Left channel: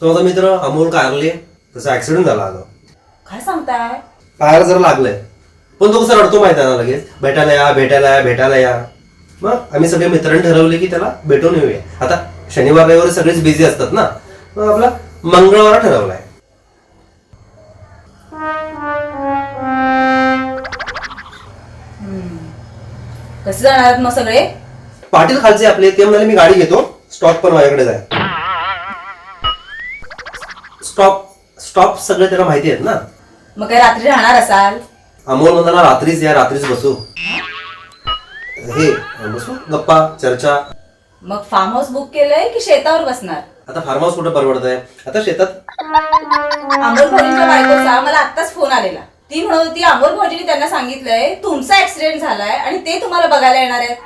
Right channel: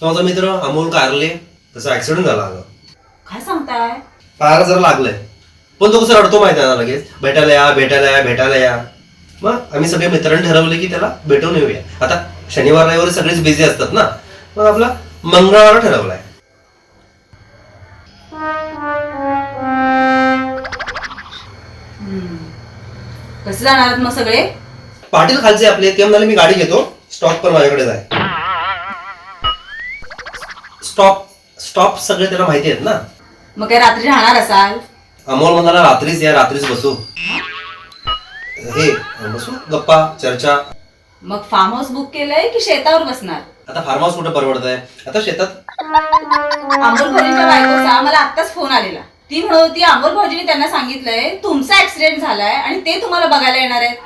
तो माझा मित्र अमोल कारले त्याचा ऍक्सिडेंट झाला अगं. काय सांगताय? पायाला जरा लागलंय. पण तो कसा रडतो माहिती आहे ना लगेच? भेटायला या भेटायला या भेटायला या. मग आम्ही सगळे मित्रांनी ठरवले की त्याला भेटून येऊया. आता शनिवार रविवार सगळेच बिझी असतात ना? मग आपला मंगळवार ठरवलाय. कसे जाणार आहात मग सगळे? पाटील खालचे आपले ते म्हणाले मी गाडी घेतो. स्टॉप पण माझ्याकडे जाय. स्टॉप स्टॉप सगळे त्याला माहिती आहेत ना. मग काय रात्री राहणार असाल? अमोल म्हणाला रात्रीच या रात्रीच बसू. हे बसू? गप्पा चर्चा. मग फार्म हाऊस बुक केलंय की शेतावर बसणार? आता फार्म हाऊस कुठं परवडत आहे आता शेतात. अमोल भाऊजींच्या बायकोचा मला आत्ताच फोन आलेला. ती म्हणत होती अमोल भाऊजींनी त्यांना सांगितलंय तुमचा ऍक्सिडेंट झालाय आणि ते तुम्हाला बघायला येणार आहेत.